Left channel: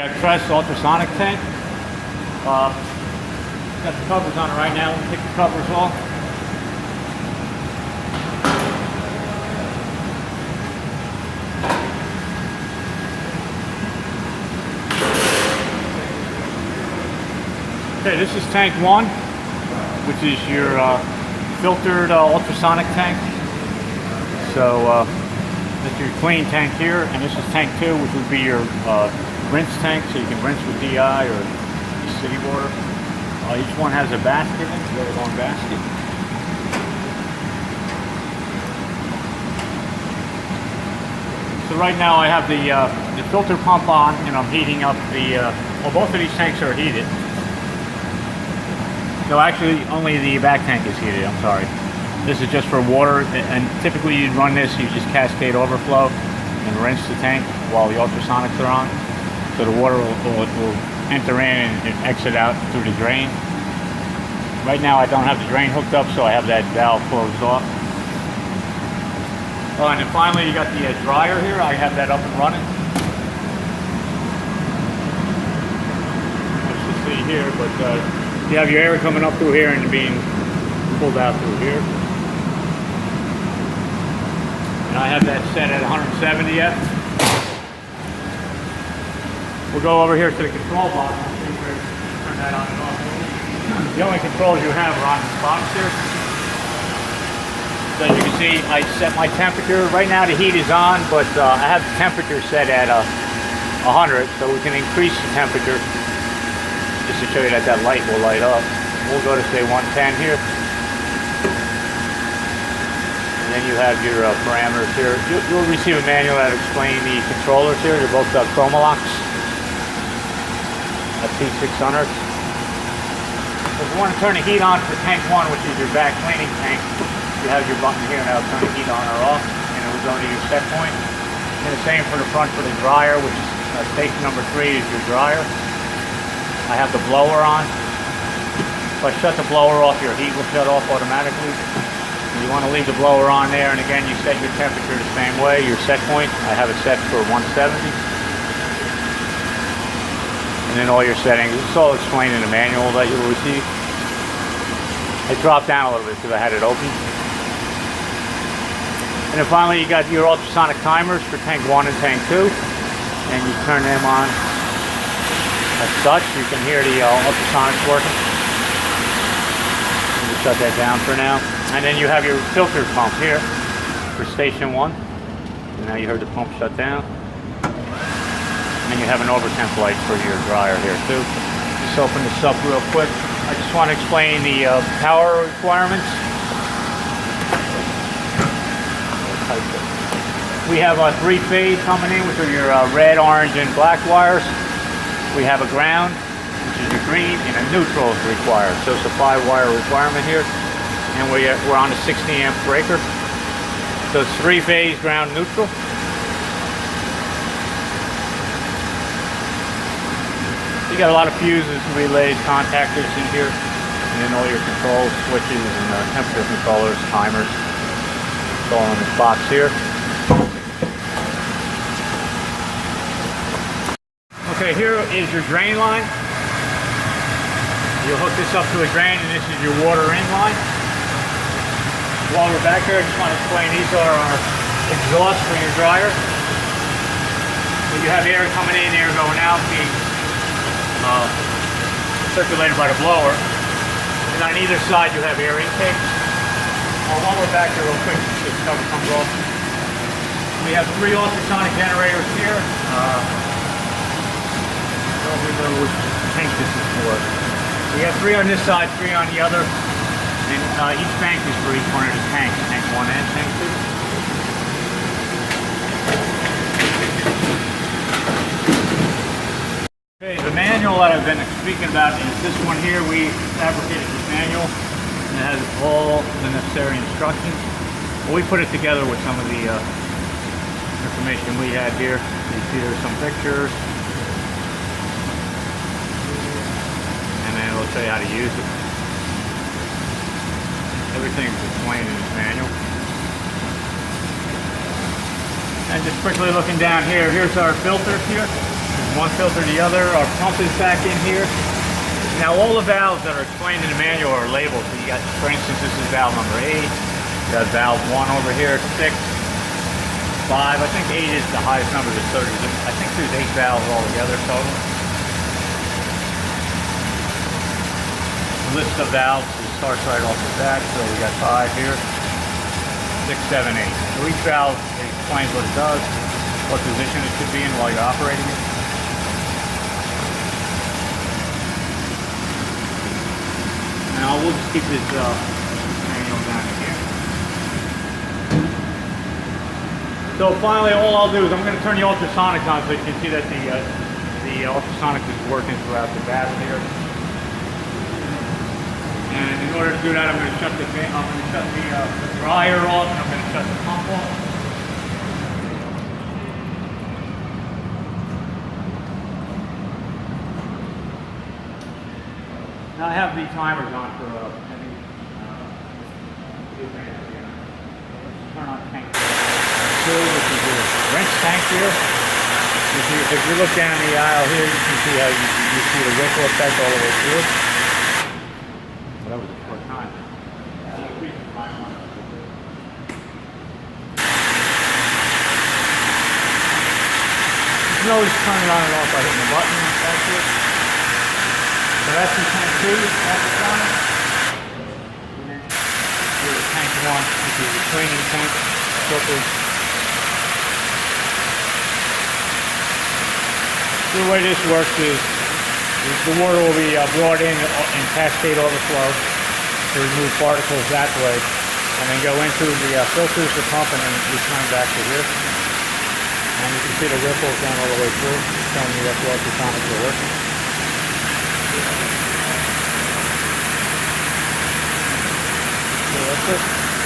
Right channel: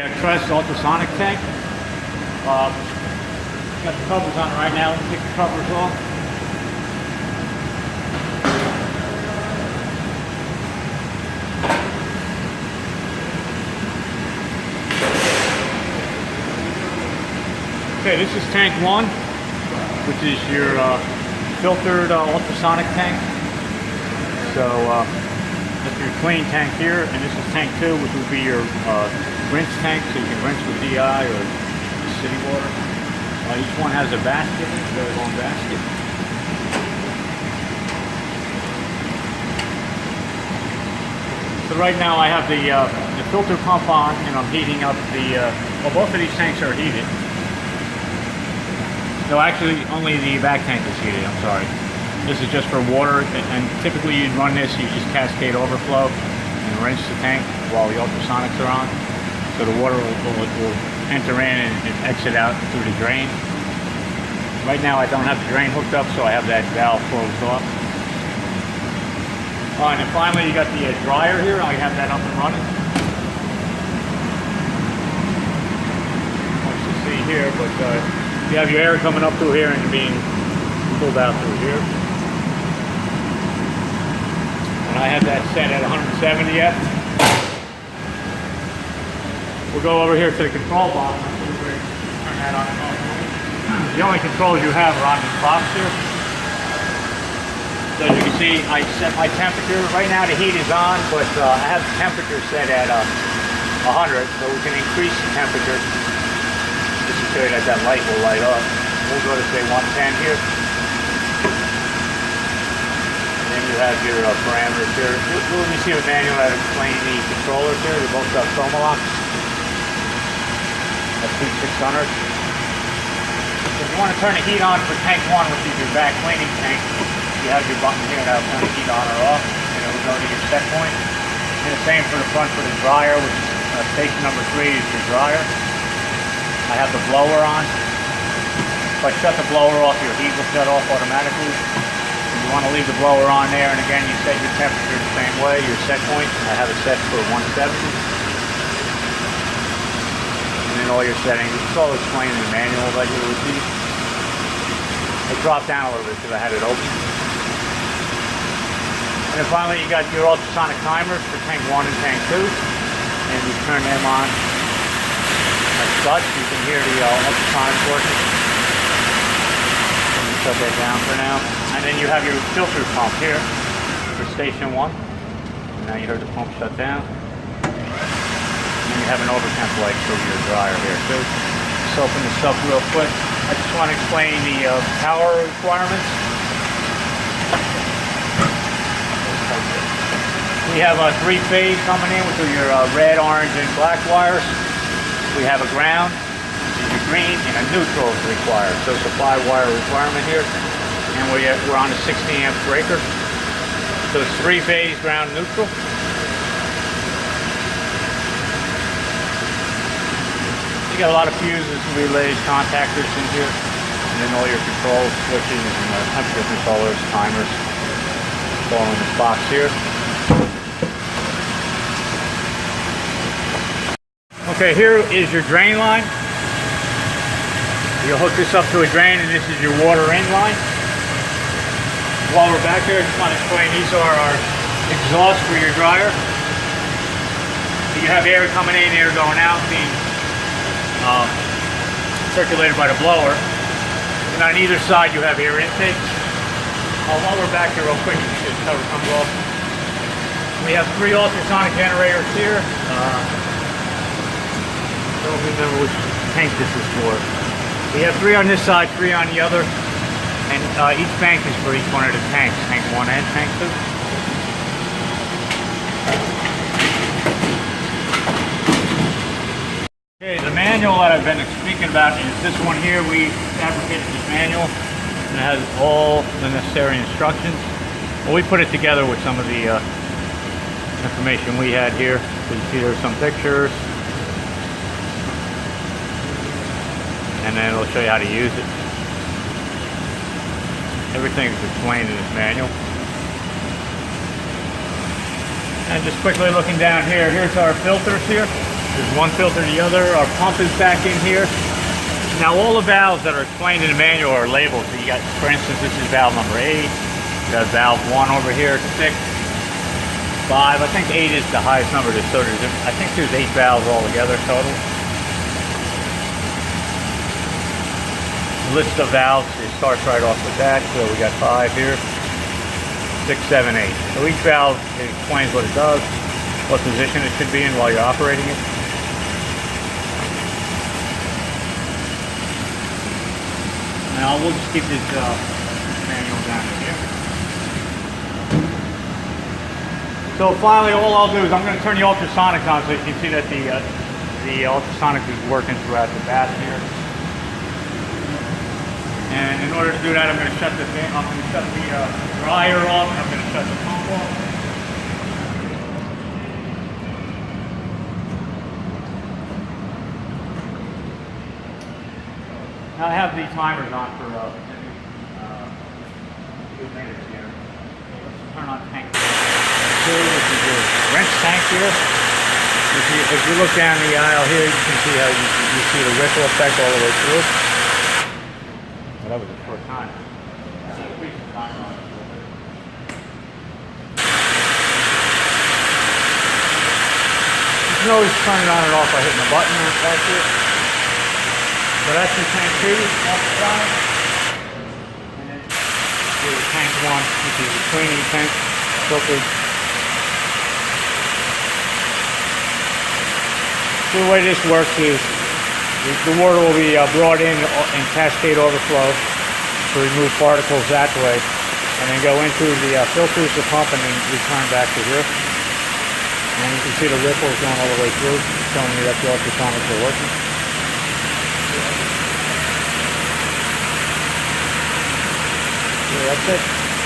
Yeah, Crest Ultrasonic tank. Got the covers on right now. We'll take the covers off. Okay, this is tank 1, which is your filtered ultrasonic tank. So this is your clean tank here, and this is tank 2, which would be your rinse tank, so you can rinse with DI or city water. Each one has a basket, a very long basket. So right now I have the filter pump on, and I'm heating up the, well, both of these tanks are heated. No, actually only the back tank is heated, I'm sorry. This is just for water, and typically you'd run this, you just cascade overflow and rinse the tank while the ultrasonics are on. So the water will enter in and exit out through the drain. Right now I don't have the drain hooked up, so I have that valve closed off. Oh, and then finally you got the dryer here. I have that up and running. As you see here, but you have your air coming up through here and being pulled out through here. And I have that set at 170 yet. We'll go over here to the control box and see where turn that on and off. The only controls you have are on the box here. So as you can see, I set my temperature. Right now the heat is on, but I have the temperature set at 100, so we can increase the temperature just to show you that that light will light up. We'll go to say 110 here. And then you have your parameters here. You'll receive a manual that explains the controllers here. They both got chroma locks. A P600. So if you want to turn the heat on for tank 1, which is your back cleaning tank, you have your button here that'll turn the heat on or off, and it will go to your set point. And the same for the front for the dryer, which is station number 3 is your dryer. I have the blower on. If I shut the blower off, your heat will shut off automatically. You want to leave the blower on there, and again, you set your temperature the same way. Your set point, I have it set for 170. And then all your settings, it's all explained in the manual that you'll receive. It dropped down a little bit because I had it open. And then finally you got your ultrasonic timers for tank 1 and tank 2. And you turn them on as such. You can hear the ultrasonics working. And you shut that down for now. And then you have your filter pump here for station 1. And now you heard the pump shut down. And you have an overtemp light for your dryer here too. Just open this up real quick. I just want to explain the power requirements. We have a 3-phase coming in with your red, orange, and black wires. We have a ground, which is a green, and a neutral is required. So it's a 5-wire requirement here. And we're on a 60 amp breaker. So it's 3-phase ground neutral. You got a lot of fuses, relays, contactors in here, and then all your control switches and temperature controllers, timers. It's all in this box here. Okay, here is your drain line. You'll hook this up to a drain, and this is your water in line. While we're back here, I just want to explain these are our exhausts for your dryer. You have air coming in, air going out, being circulated by the blower. And on either side you have air intake. While we're back here real quick, you can see the cover comes off. We have 3 ultrasonic generators here. Don't remember which tank this is for. We have 3 on this side, 3 on the other. And each bank is for each one of the tanks, tank 1 and tank 2. Okay, the manual that I've been speaking about is this one here. We fabricated this manual, and it has all the necessary instructions. Well, we put it together with some of the information we had here. So you see there's some pictures, and then we'll show you how to use it. Everything's explained in this manual. And just quickly looking down here, here's our filters here. There's one filter to the other. Our pump is back in here. Now all the valves that are explained in the manual are labeled. So you got, for instance, this is valve number 8. You have valve 1 over here, 6, 5. I think 8 is the highest number to serve. I think there's 8 valves altogether total. List of valves, it starts right off the bat. So we got 5 here, 6, 7, 8. So each valve explains what it does, what position it should be in while you're operating it. Now we'll just keep this manual down here. So finally, all I'll do is I'm going to turn the ultrasonic on so you can see that the ultrasonic is working throughout the bath here. And in order to do that, I'm going to shut the dryer off, and I'm going to shut the pump off. Now I have the timers on for a few minutes here. Turn on tank two, which is your rinse tank here. If you look down the aisle here, you can see how you see the ripple effect all the way through. Well, that was the first time. This nose turning on and off by hitting the button and that's it. So that's the tank 2 off the side. And then here's tank 1, which is the cleaning tank. Filters. So the way this works is the water will be brought in cascade overflow to remove particles that way, and then go into the filters, the pump, and then return back to here. And you can see the ripples down all the way through, showing you that the ultrasonics are working. So that's it.